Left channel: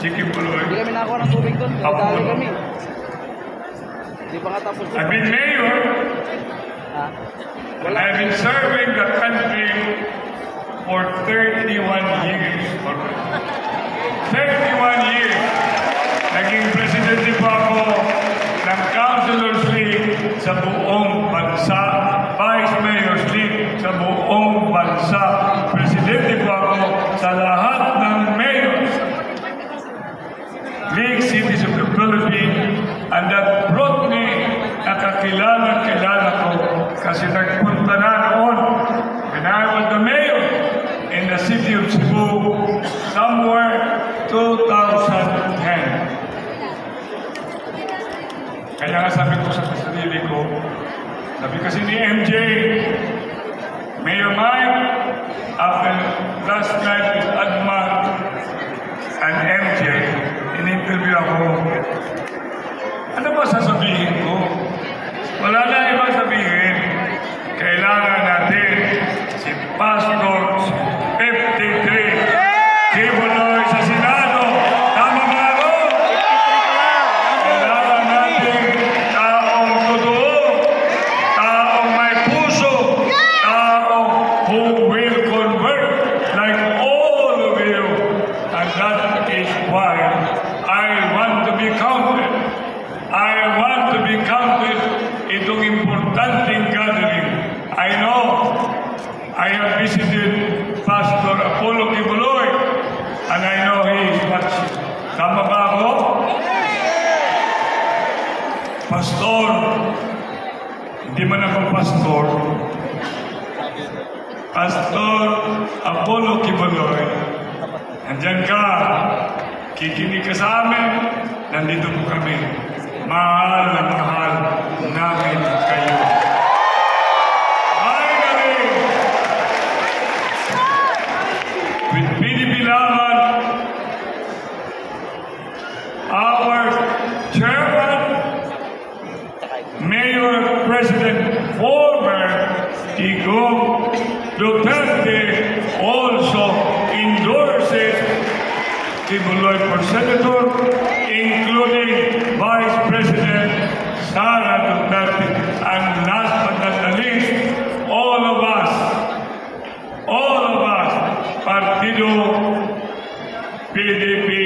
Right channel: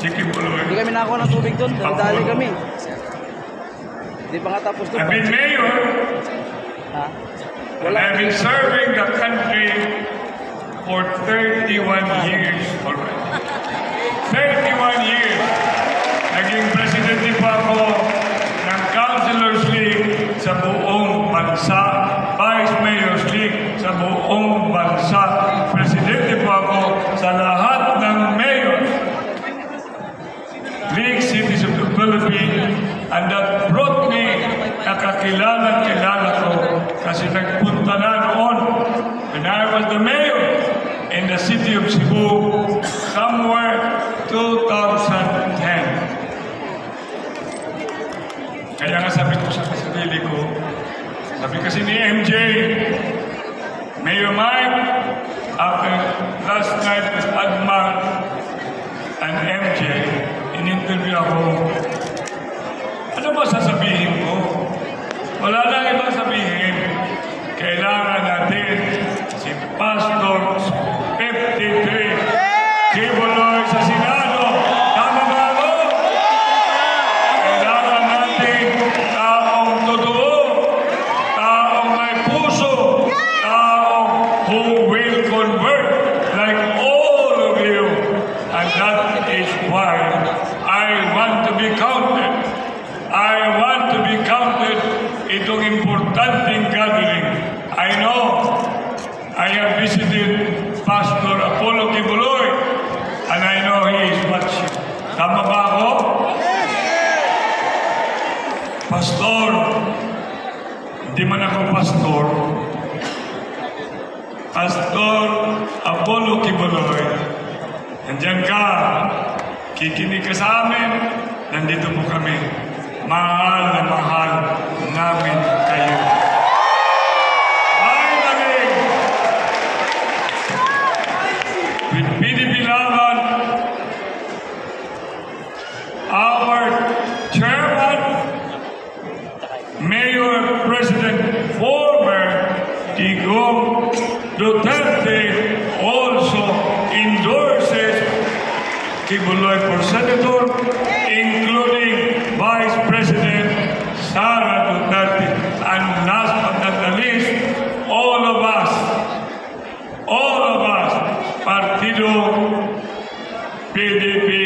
Sige Puloy. Hindi kami nakakuha ng tubig doon. Dali kami. Hindi pa nga tapos doon. I've been mayor. Ha? And I've been serving the country for 31 years already. 31 years. Naging presidente po ako ng Councilors League sa buong bansa. Vice Mayor's League sa buong bansa. Presidente po ako sa lahat ng mayors. League cities of the Philippines, and that brought me nakakilala ko kasi nagpunta na noon when I was the mayor in the city of Cebu somewhere 2010. Kaya nga sabi ko sa sarili ko, sabi kasi ni MJ, Mayor Mike, after last night with Adman and MJ, in-interview ako. Ano ba sasabihin ko? Wala na ibang sabihin. Kailangan natin si Pastor 53 Kibuloy sa Senado. Tama ba ako? Kailangan natin taong totoo, taong may puso, taong who will convert like all of you. And that is why I want to be counted. I want to be counted itong importanteng gathering. I know I have visited Pastor Apollo Kibuloy and I know he is watching. Tama ba ako? Pastor, hindi man ako pastor. Pastor Apollo Kibuloy, andyan ka, kikinig ka sa amin, nandito po kami. Mahal na mahal namin kayo. Finally, with PDP Laban, our chairman, Mayor, President, former Digong Duterte also endorses Kibuloy for Senator, including Vice President Sara Duterte. And last but not the least, all of us, Partido PDP